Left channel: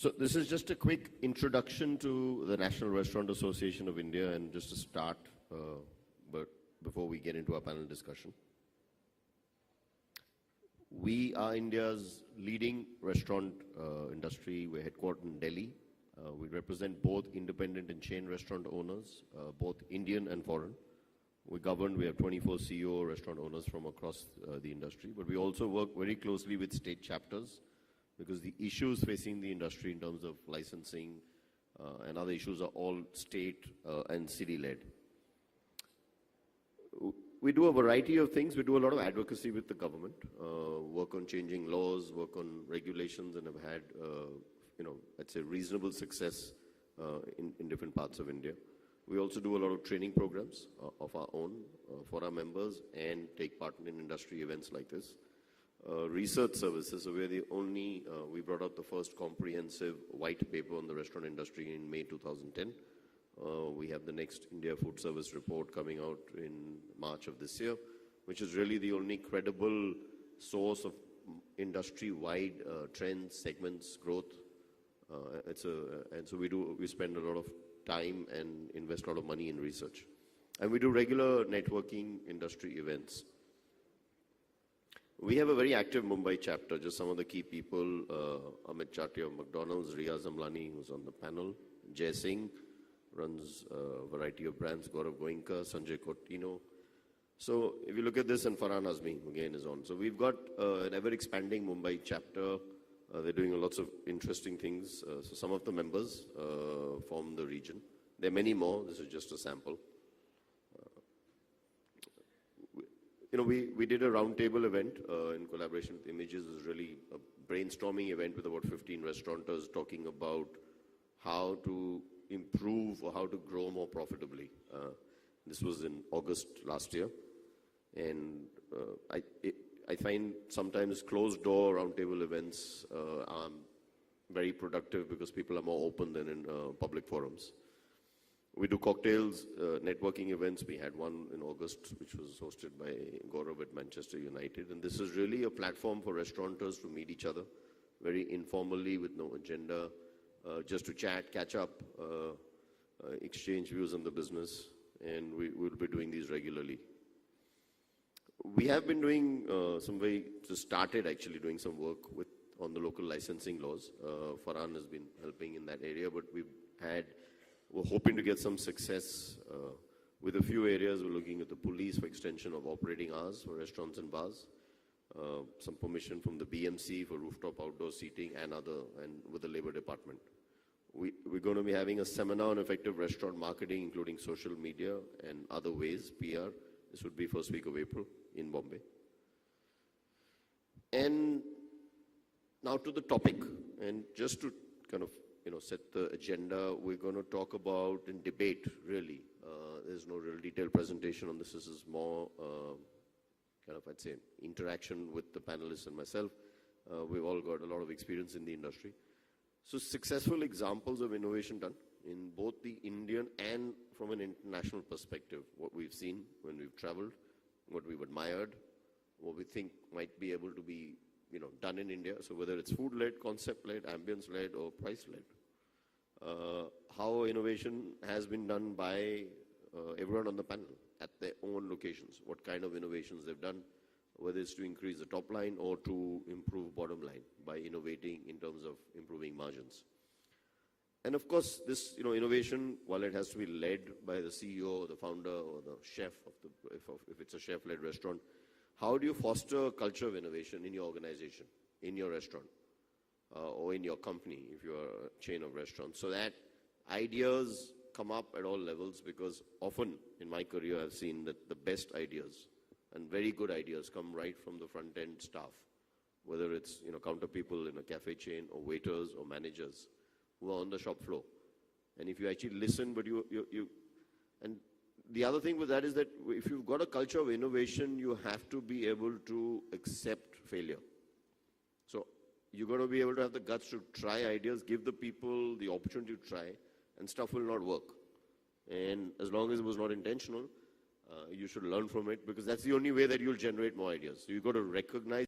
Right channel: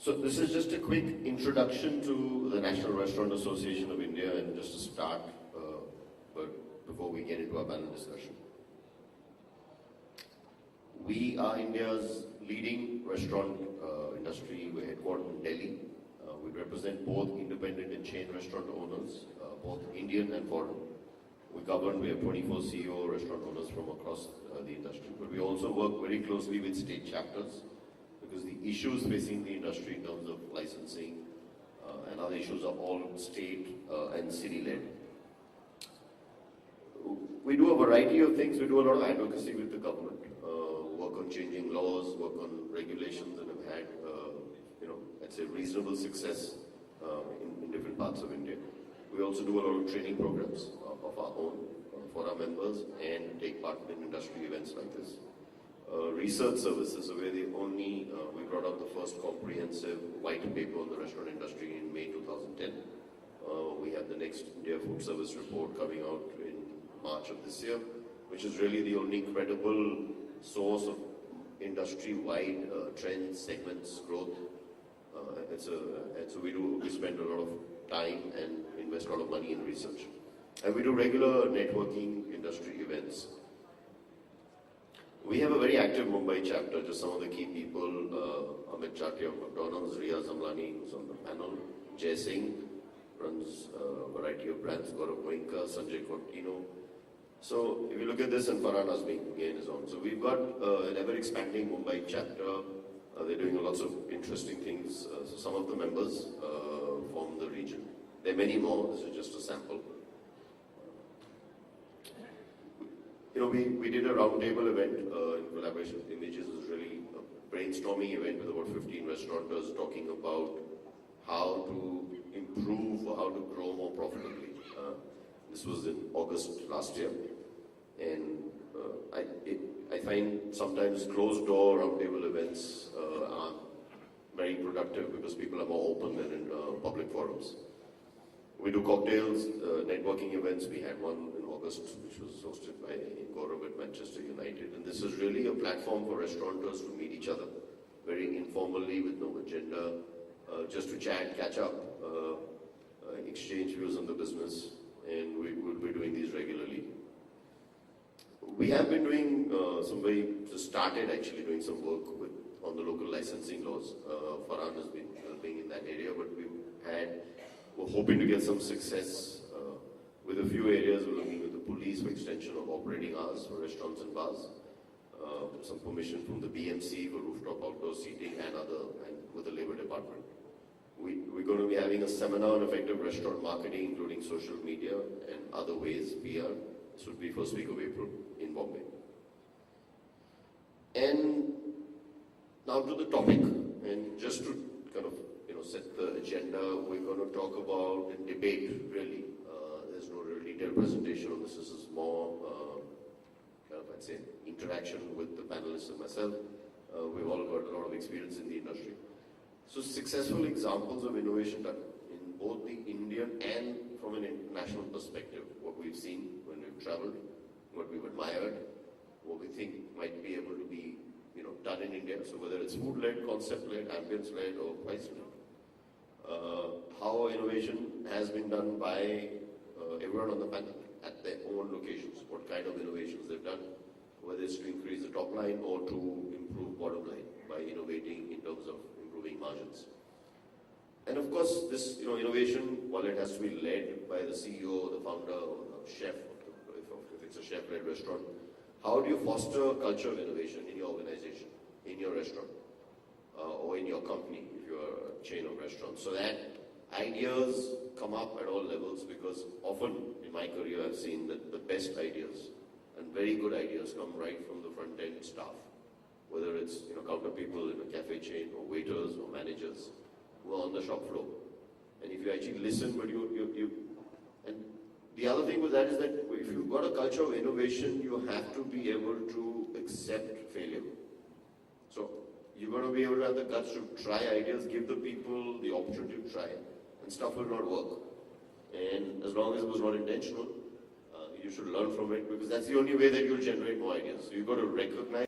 So this is just a quick introduction to the National Restaurant Association of India, and just to start, but before we get into our panel discussion. We are India's leading restaurant industry. We're headquartered in Delhi. We represent both independent and chain restaurant owners, both Indian and foreign. We have 24 CEO restaurant owners from across the industry, but we also work very closely with state chapters, because the issues facing the industry in terms of licensing and other issues are all state and city-led. We do a variety of things. We do a lot of advocacy with the government, work on changing laws, work on regulations that have had, let's say, reasonable success in different parts of India. We also do a lot of training programs of our own for our members and take part in industry events like this. Research services, so we're the only, we brought out the first comprehensive white paper on the restaurant industry in May 2010. We have the next India Food Service report coming out in March of this year, which is really the only credible source of industry-wide trends, segments, growth. We spend a lot of time and invest a lot of money in research. And we do regular networking industry events. We have a very active Mumbai chapter. Just some of the key people: Amit Chatti of McDonald's, Riaz Amlani, who's on the panel, Jay Singh runs a variety of brands, Gaurav Goenka, Sanjay Cortino. So if you look at this, and Farhan Azmi again is on. So we've got an ever-expanding Mumbai chapter. They're doing lots of interesting things. So some of the members form the region. There are many more. This is just a sample. We did a roundtable event in collaboration with Images. It was really a brainstorming event with about 15 restaurateurs talking about how to improve or how to grow more profitably. This was in August last year. And I find sometimes closed door roundtable events are very productive because people are more open than in public forums. We do cocktails, networking events. We had one in August, which was hosted by Gaurav at Manchester United. And this is really a platform for restaurateurs to meet each other, very informally, with no agenda, just to chat, catch up, exchange views on the business. And we will be doing these regularly. We have been doing started actually doing some work on the local licensing laws. Farhan has been helping in that area, but we're hoping to get some success with a few areas. We're looking at the police for extension of operating hours for restaurants and bars, with some permission from the BMC for rooftop outdoor seating and with the Labour Department. We're going to be having a seminar on effective restaurant marketing, including social media and other ways, PR. This will be first week of April in Bombay. And now to the topic, and just to kind of set the agenda, we're going to talk about and debate, really. There's no real detailed presentation on this. This is more, I'd say, interaction with the panelists and myself. We've all got a lot of experience in the industry. So successful examples of innovation done in both the Indian and from an international perspective. What we've seen when we've traveled, what we've admired, what we think might be able to be done in India. So whether it's food-led, concept-led, ambience-led, or price-led. How innovation has been done by everyone on the panel at their own locations, what kind of innovations they've done, whether it's to increase the top line or to improve bottom line by innovating in terms of improving margins. And of course, this innovation, while it has to be led by the CEO, the founder, or the chef, if it's a chef-led restaurant, how do you foster a culture of innovation in your organization, in your restaurant, or in your company, if you're a chain of restaurants, so that ideas come up at all levels? Because often in my career I've seen that the best ideas and very good ideas come right from the front-end staff, whether it's counter people in a cafe chain, or waiters, or managers who are on the shop floor. And if you actually listen, and the other thing with that is that if you've got a culture of innovation, you have to be able to accept failure. So you're going to be able to have the guts to try ideas, give the people the opportunity to try, and stuff will not work. And as long as it was not intentional, you should learn from it, because that's the only way that you'll generate more ideas. So you've got to recognize